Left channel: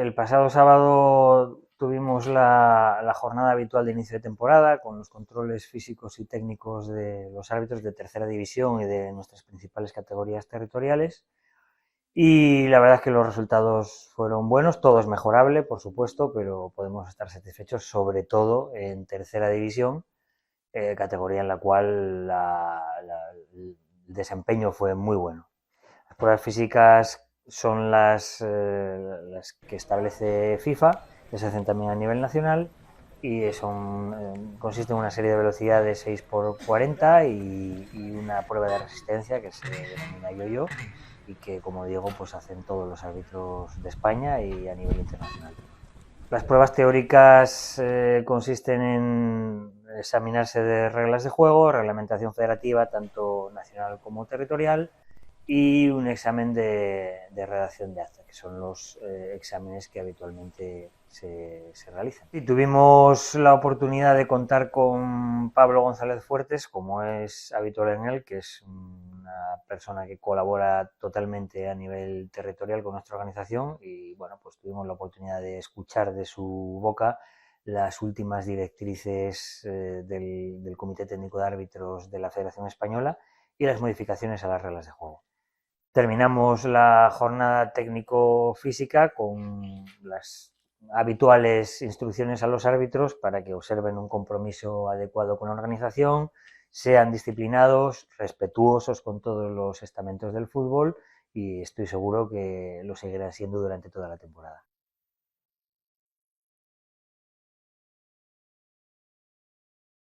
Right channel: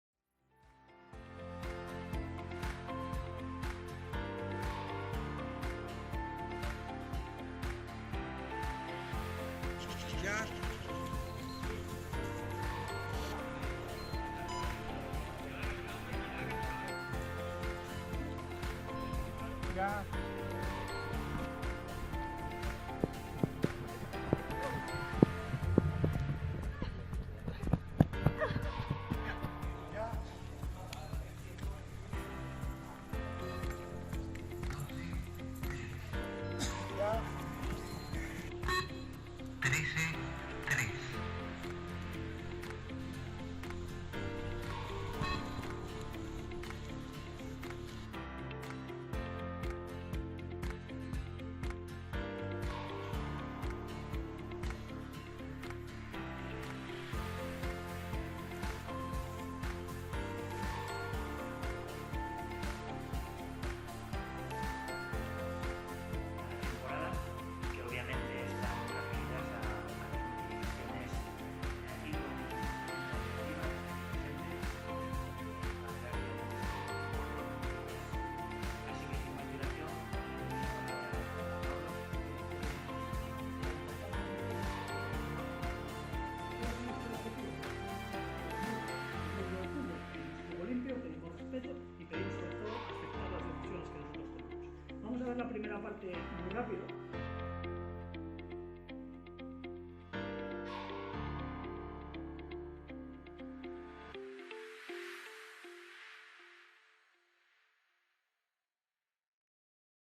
El pasado sábado tuvimos la jornada habitual de inicio de temporada con los controles físicos y técnicos de los árbitros de tercera división y de nuestras principales categorías territoriales. Y la verdad es que los resultados fueron buenos, todo es mejorable, por supuesto, pero podemos estar satisfechos, sobre todo en tercera división, categoría en la cual el desempeño fue muy bueno. Las pruebas físicas son las que establece FIFA, que se hacen también a nivel nacional y consiste en una serie de velocidades 6x40 y una prueba de resistencia que se denomina yo-yo y que, como digo, pues hacen todos los árbitros de España y a nivel internacional. Las pruebas teóricas consisten en examinarse de reglas de juego, reglamentación federativa tanto nacional como territorial y un examen de redacción de actas. Son los exámenes que habitualmente se realizan. Y tuvimos la oportunidad de contar con Pablo González Fuertes, como es habitual en él, que es una persona que colabora totalmente a nivel territorial con nuestra organización. Y bueno, pues tuvimos la oportunidad de escuchar de su boca las últimas directrices del Comité Técnico de Árbitros de la Federación Española y las modificaciones a las reglas de juego. Terminamos la jornada técnico-física con las habituales instrucciones a los árbitros para que observen un compromiso adecuado con la organización, sean disciplinados, respetuosos con todos los estamentos del fútbol y estoy seguro que lo seguirán siendo durante toda la temporada.